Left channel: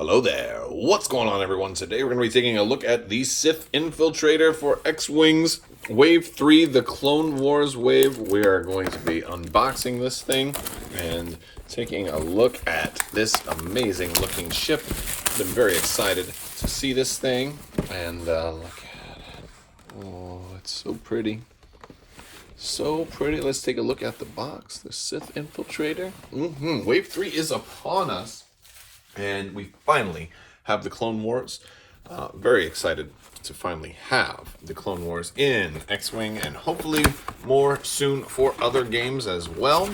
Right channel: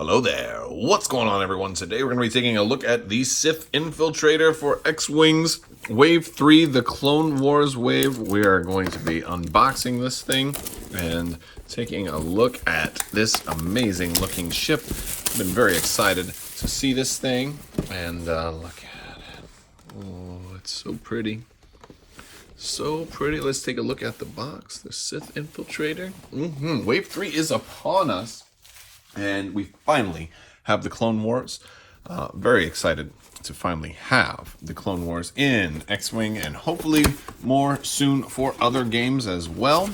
Hello there. What's going on, everyone? Today we're going to be taking a look at the Sith Infiltrator for X-Wings Wave 3, the Clone Wars wave. We are going to be unboxing this thing and taking a look at this amazing looking ship. I've been very excited to see this thing, and look at it. Oh, it's so pretty. So pretty. Let's take a look at the box. The Sith Infiltrator. Wave 3 is upon us. And we finally have the Clone Wars. Very excited to finally have the Clone Wars in X-Wing, and hopefully more soon for other games as well.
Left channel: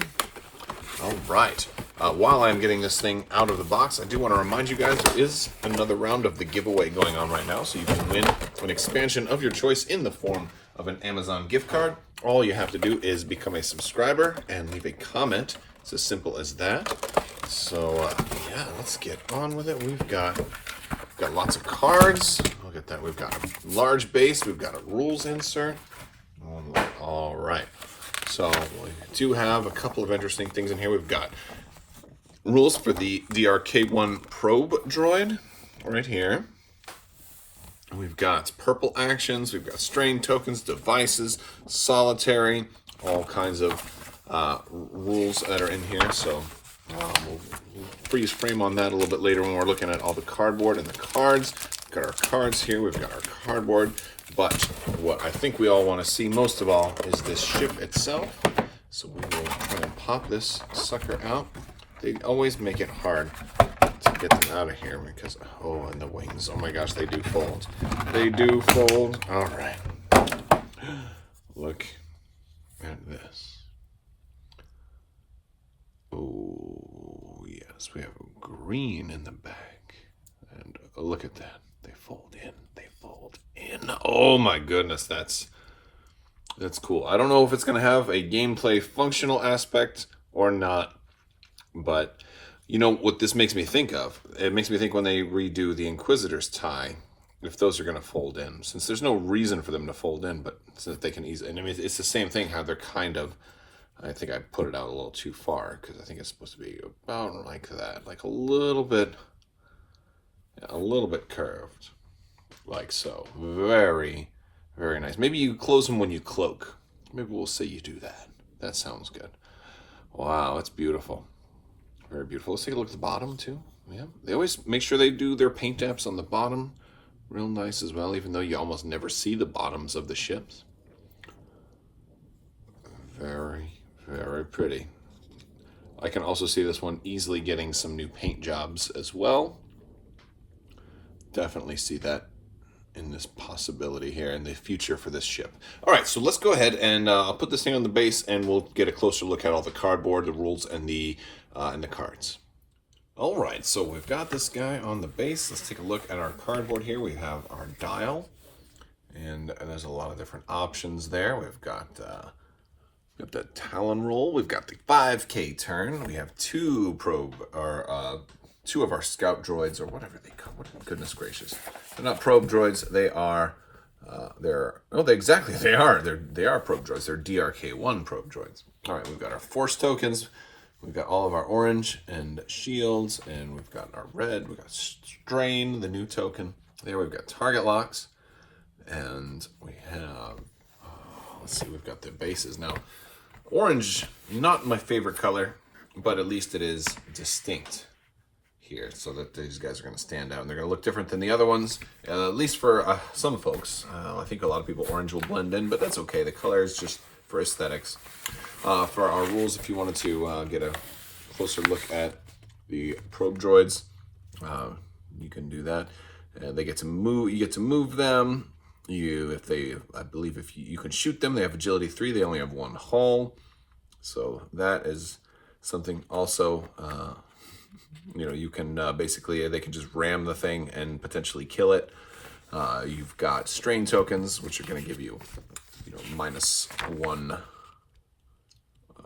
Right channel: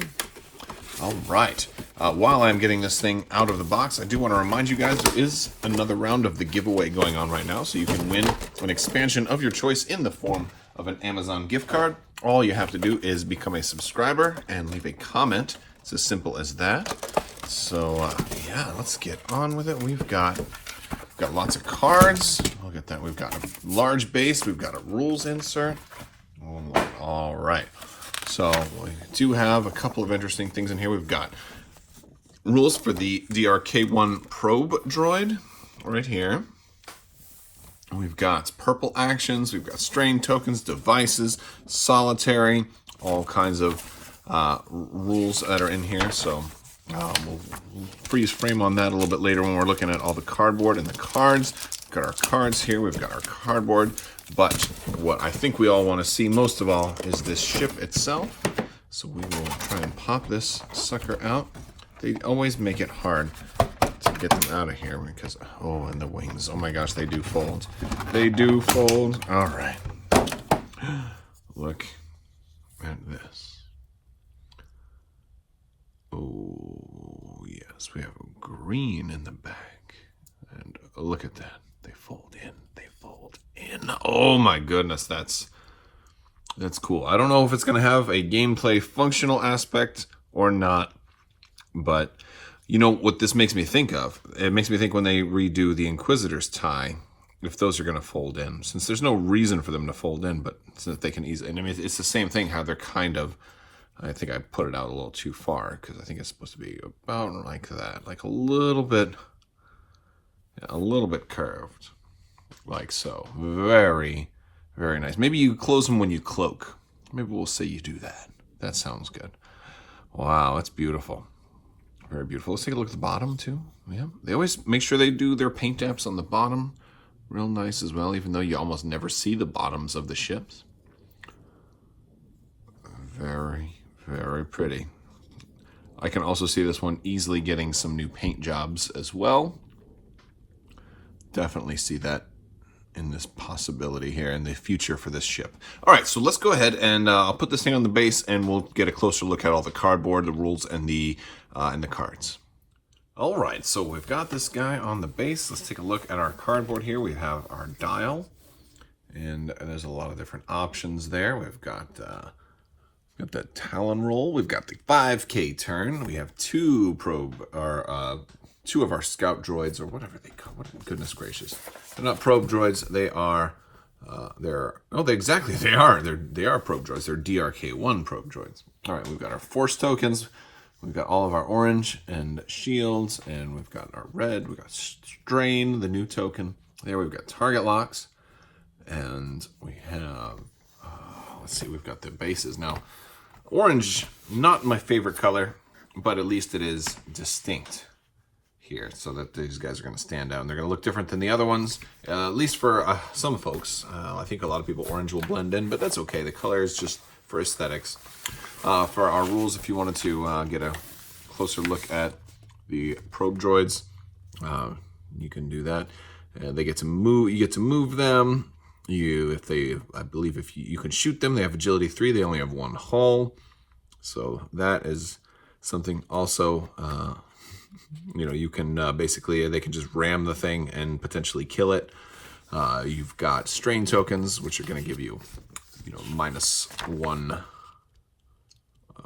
All right. While I'm getting this thing out of the box, I do want to remind you guys there is another round of the giveaway going on right now, so you can win an expansion of your choice in the form of an Amazon gift card. All you have to do is become a subscriber and leave a comment. It's as simple as that. So, yeah, let's get on with it. We've got lots of cards. Look at that. We've got a large base. We've got a rules insert. All right. So, we do have a couple of interesting things in here. We've got rules for the DRK1 probe droid right here. We've got purple actions. We've got strain tokens, devices, solitary, all kinds of rules that are in here. So, we'll freeze frame on that a little bit later when we're looking at all the cardboard and the cards. We've got our cards here, we've got our cardboard, but what I think we all want to see most of all is this ship itself. So we will try and pop this sucker out. They always make it hard to get them out of here because, oh, and the wings, oh my gosh, they do fold. They do fold. All right. Look at this. Oh, yes, we have green in the back. And look at that. They fold in. They fold in. Oh my goodness, that's cool. I don't know if it's going to have a gameplay functional aspect or not, but you know what this makes me think of? It makes me think when they redo the Inquisitor's tie, if those are going to fold in, since there's no reason for them to fold in, but since they can easily, and I mean, it's the same thing, how they're kind of, I think I put it out a little too far because I think it's supposed to be about like that, like a little bit curved, like so. Very, very nice. Maybe you close them when you cloak. Maybe we'll say you do that. That sounds good. Wow, it's beautiful. Very beautiful. Let's take a look at the bottom too. Yeah, they always make sure they do their paint apps on the bottom. Real nice as well, even though you almost never see the bottoms of the ships. Very, very pretty. I can also see this one easily getting some new paint jobs as well. Definitely see that in this possibility here in the future for this ship. All right, so let's go ahead and I'll put this thing on the base and we'll get a closer look at all the cardboard, the rules, and the cards. All right, so we've got this guy on the base. Let's take a look at our cardboard here. We have our dial, and there's a lot of different options there. We've got the Talon roll. We've got the 5K turn. We have two of our scout droids, or whatever they call. Goodness gracious, they're not probe droids. They are. They are probe droids. They're DRK1 probe droids. All right, we've got our force tokens. We've got all of our orange and shields, and we've got our red. We've got strain, the new token. There, we've got target locks, and we have. Let's see, we've got the bases now. Orange, not my favorite color, but at least it is distinct here, so that these guys are going to stand out. And they're going to look different than the other ones, at least for some folks. I think a lot of people, orange will blend in, but that's okay. The color is just for aesthetics. For our rules, if you wanted to get a closer look at the probe droids, you can do that. They get to move. You get to move them. I believe if you can shoot them, they have agility 3. They only have one hull, so that is something also. You can basically, they can just ram the thing and potentially kill it. You've got strain tokens, which are going to give you, -1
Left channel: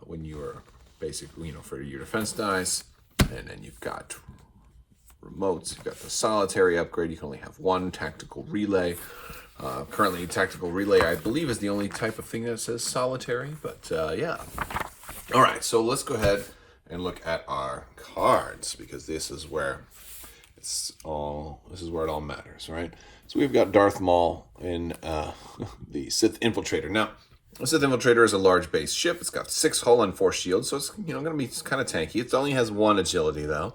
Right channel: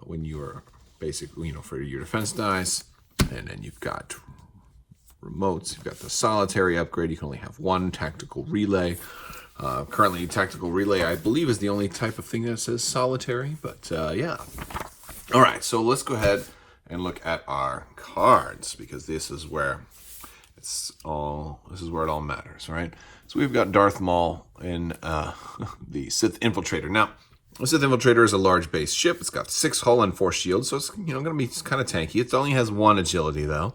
when you're basically, for your defense dice, and then you've got remotes. You've got the solitary upgrade. You can only have one tactical relay. Currently, tactical relay, I believe, is the only type of thing that says solitary, but yeah. All right, so let's go ahead and look at our cards, because this is where This is where it all matters, right? So we've got Darth Maul in the Sith Infiltrator. Now, the Sith Infiltrator is a large base ship. It's got 6 hull and 4 shields, so it's going to be kind of tanky. It only has 1 agility though.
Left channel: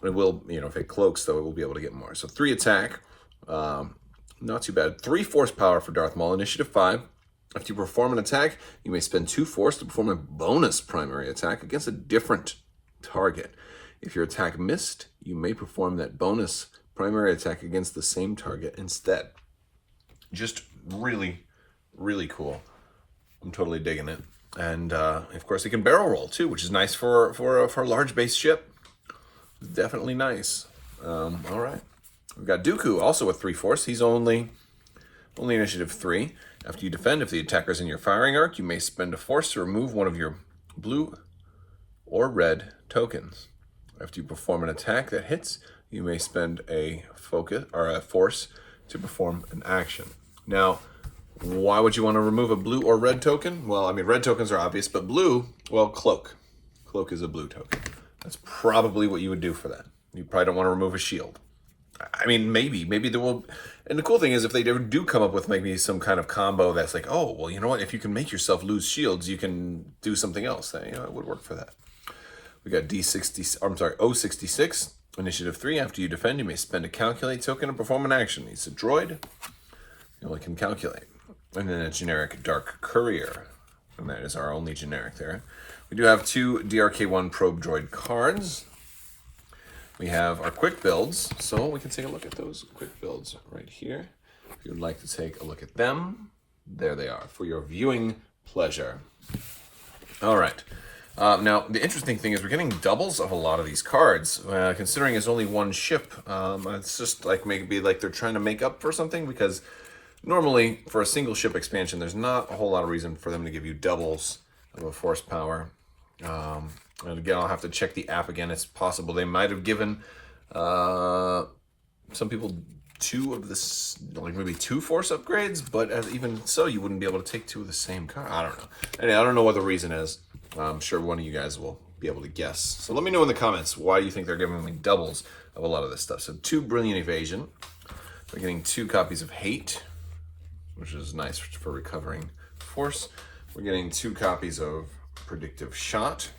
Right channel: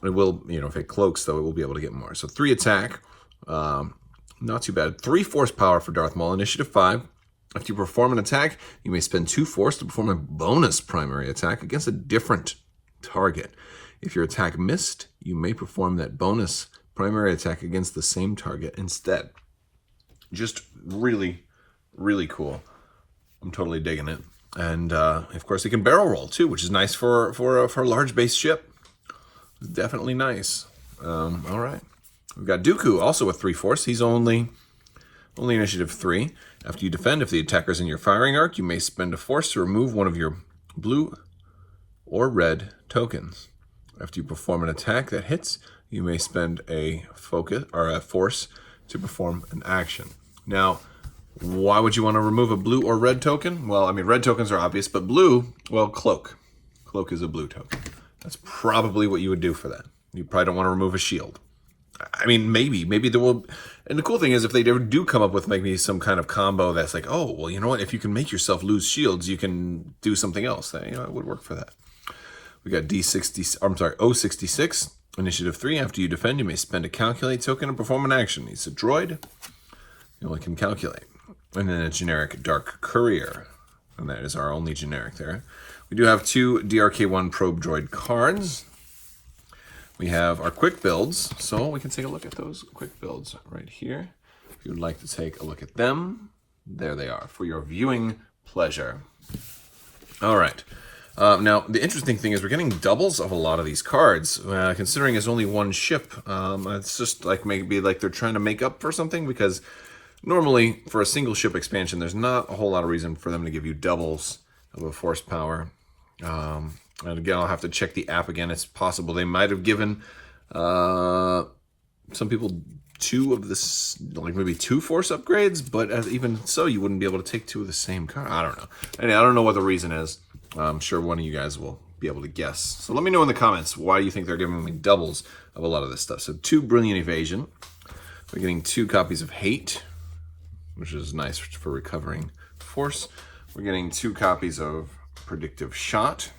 It will, if it cloaks though, it will be able to get more. So 3 attack, not too bad. 3 force power for Darth Maul, initiative 5. After you perform an attack, you may spend 2 force to perform a bonus primary attack against a different target. If your attack missed, you may perform that bonus primary attack against the same target instead. Just really, really cool. I'm totally digging it. And of course, it can barrel roll too, which is nice for a large base ship. Definitely nice. All right. We've got Dooku, also with 3 force. He's only initiative 3. After you defend, if the attacker's in your firing arc, you may spend a force to remove one of your blue or red tokens. After you perform an attack that hits, you may spend a focus or a force to perform an action. Now, why would you want to remove a blue or red token? Well, I mean, red tokens are obvious, but blue, well, cloak. Cloak is a blue token. That's probably what you would do for that. You probably don't want to remove a shield. I mean, maybe there will. And the cool thing is, if they do come up with maybe some kind of combo that's like, oh, well, you know what? If you can make yourself lose shields, you can do something else. That it would work for that. We got O66, initiative 3. After you defend, you may spend a calculate token and perform an action. He's a droid. You only can calculate. And then a generic Dark Courier. And that is our only generic there. We do have 2 DRK1 probe droid cards. We have our quick builds, so we can take a look at those quick builds right here. If you would like to take a look at them, there they are for your viewing pleasure. All right. Now, the interesting thing is we're getting doubles of a lot of these cards. Considering it's only 1 ship, it's just like maybe like they're trying to make up for something, because normally for a single ship expansion, there's not a whole lot of reason for them to give you doubles of a force power. And again, I'll have to check the app again. It's possible they might have given some people 2 of this, like maybe 2 force upgrades, but even so, you wouldn't be able to take 2 of the same card. I don't know. Anyway, I don't know what the reason is. I'm sure one of you guys will be able to guess. So let me know in the comments why you think they're giving me doubles of a lot of this stuff. So 2 Brilliant Evasion. We're getting 2 copies of Hate, which is nice for recovering force. We're getting 2 copies of Predictive Shot,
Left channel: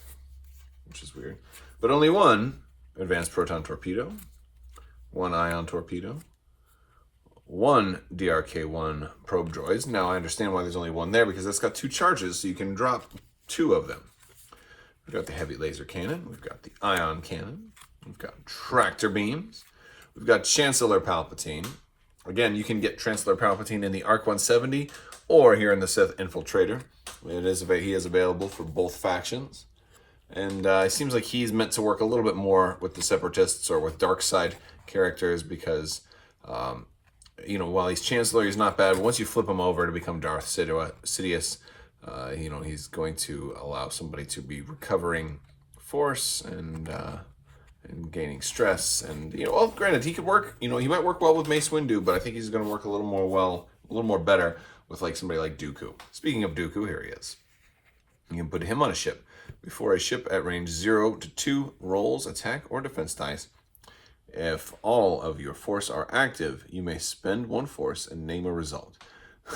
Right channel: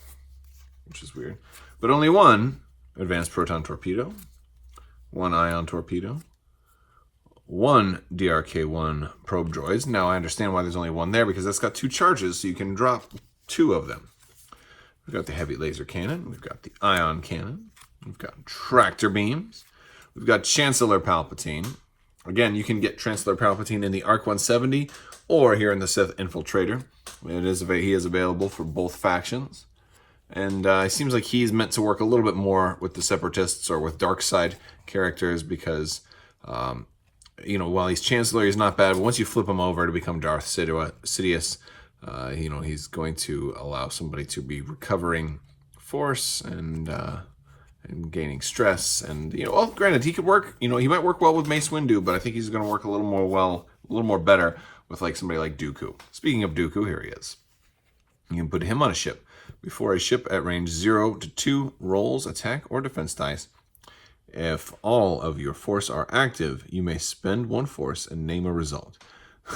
which is weird. But only 1 Advanced Proton Torpedo, 1 Ion Torpedo, 1 DRK1 Probe Droids. Now I understand why there's only 1 there, because that's got 2 charges, so you can drop 2 of them. We've got the Heavy Laser Cannon, we've got the Ion Cannon, we've got Tractor Beams, we've got Chancellor Palpatine. Again, you can get Chancellor Palpatine in the ARC 170 or here in the Sith Infiltrator. He is available for both factions. And it seems like he's meant to work a little bit more with the Separatists or with dark side characters, because, while he's Chancellor, he's not bad. Once you flip him over to become Darth Sidious, he's going to allow somebody to be recovering force and gaining stress. And, granted, he could work, he might work well with Mace Windu, but I think he's going to work a little more better with like somebody like Dooku. Speaking of Dooku, here he is. You can put him on a ship. Before a ship at range 0 to 2 rolls attack or defense dice, if all of your force are active, you may spend 1 force and name a result.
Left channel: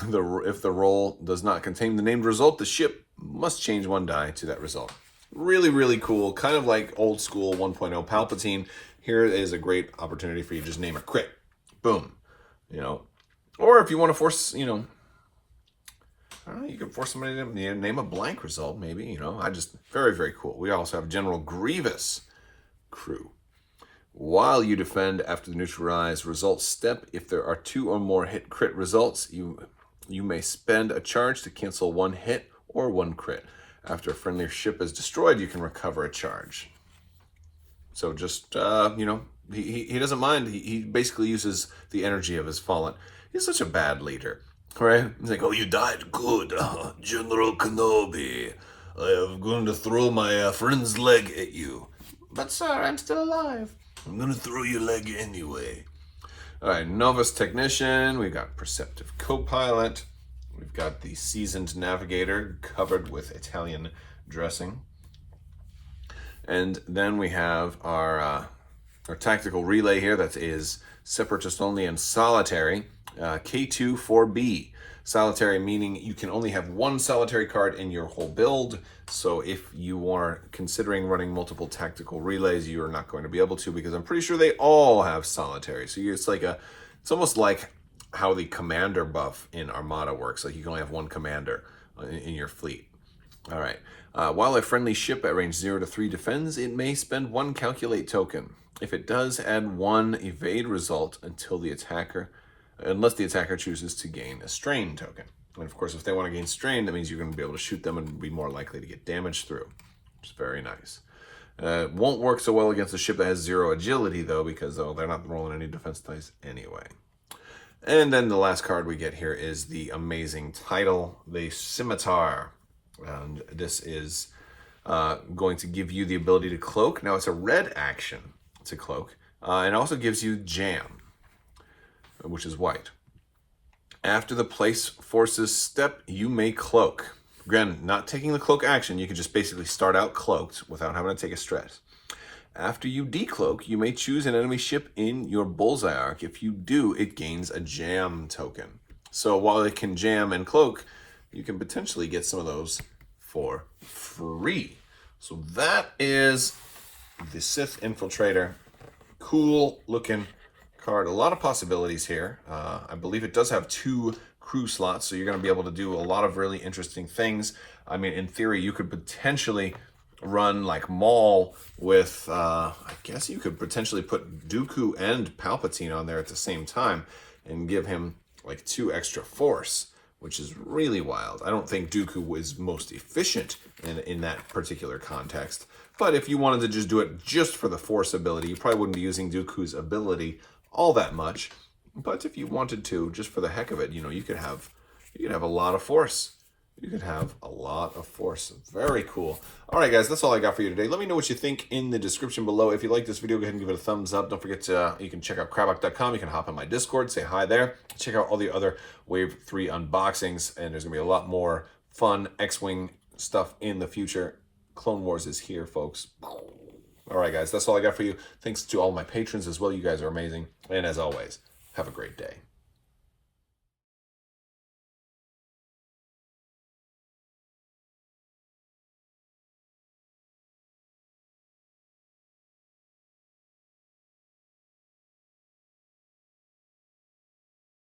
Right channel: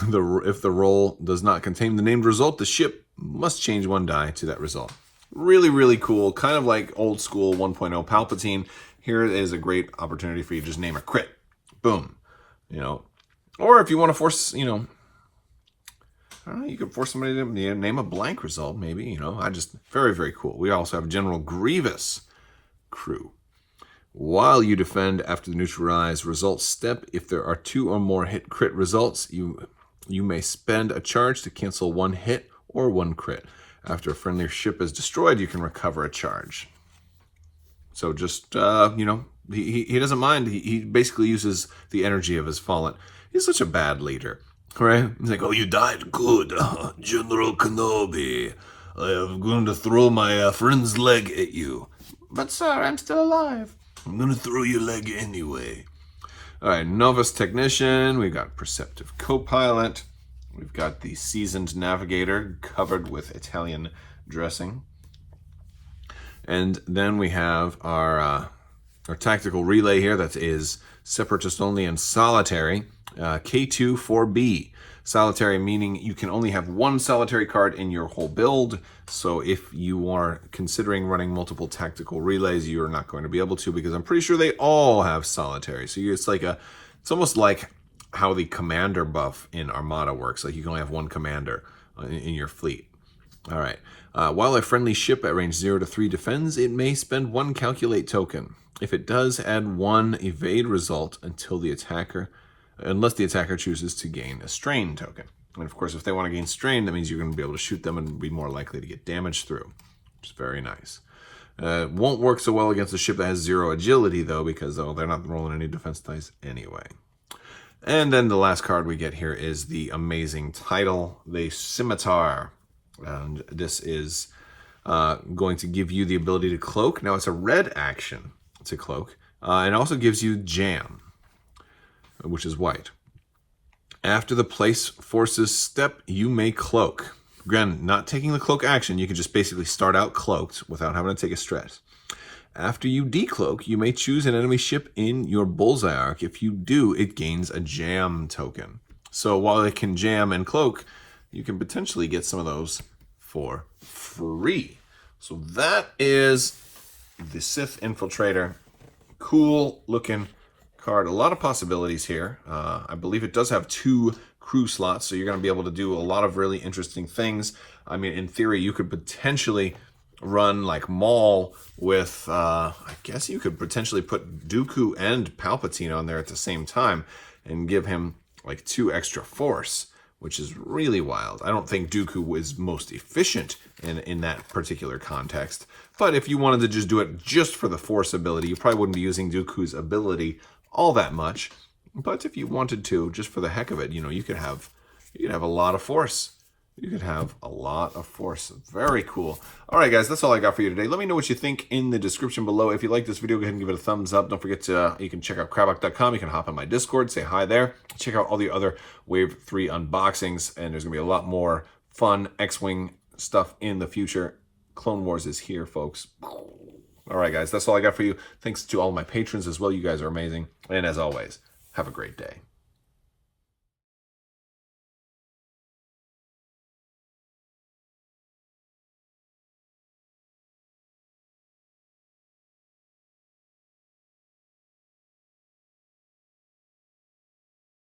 If the roll does not contain the named result, the ship must change 1 die to that result. Really, really cool. Kind of like old school 1.0 Palpatine. Here is a great opportunity for you to just name a crit. Boom. Or if you want to force, I don't know, you could force somebody to name a blank result, maybe, very, very cool. We also have General Grievous crew. While you defend after the neutralized results step, if there are 2 or more hit crit results, you may spend a charge to cancel 1 hit or 1 crit. After a friendly ship is destroyed, you can recover a charge. So just, he doesn't mind. He basically uses the energy of his fallen. He's such a bad leader. Right? He's like, oh, you died? Good. General Kenobi. I'm going to throw my friend's leg at you. But, sir, I'm still alive. I'm going to throw your leg anyway. All right, Novice Technician. We've got Perceptive Co-Pilot. We've got the Seasoned Navigator covered with Italian dressing. And then we have our our tactical relay here that is separatist only and solitary. K2 4B. Solitary meaning you can only have one solitary card in your whole build. So if you are considering running multiple tactical relays, you're not going to be able to, because I'm pretty sure they all have solitary. So it's almost like how the commander buff in Armada works. Like you can only have one commander in your fleet. All right. While a friendly ship at range 0 to 3 defends, it may spend 1 calculate token. If it does, add 1 evade result unless the attacker chooses to gain a strain token. And of course, if they want to gain strain, that means you're going to be able to shoot them and be more likely to get damage through, which is very nice. Won't work so well against a ship that has 0 agility, though, because they're not rolling any defense dice anyway. And then the last card we get here is the amazing title, the Scimitar. And this is going to give you the ability to cloak. Now, it's a red action to cloak. And also gives you jam, which is white. After the place forces step, you may cloak. Again, not taking the cloak action, you can just basically start out cloaked without having to take a stress. After you decloak, you may choose an enemy ship in your bullseye arc. If you do, it gains a jam token. So while it can jam and cloak, you can potentially get some of those for free. So that is the Sith Infiltrator. Cool looking card. A lot of possibilities here. I believe it does have 2 crew slots, so you're going to be able to do a lot of really interesting things. I mean, in theory, you could potentially run like Maul with, I guess you could potentially put Dooku and Palpatine on there at the same time and give him like 2 extra force, which is really wild. I don't think Dooku was most efficient in that particular context, but if you wanted to just do it just for the force ability, you probably wouldn't be using Dooku's ability all that much. But if you wanted to, just for the heck of it, you could have a lot of force. You could have a lot of force. Very cool. All right, guys, that's all I got for you today. Let me know what you think in the description below. If you like this video, go ahead and give it a thumbs up. Don't forget you can check out Crabbok.com. You can hop on my Discord, say hi there. Check out all the other Wave 3 unboxings, and there's going to be a lot more fun X-Wing stuff in the future. Clone Wars is here, folks. All right, guys, that's all I got for you. Thanks to all my patrons as well. You guys are amazing. And as always, have a great day.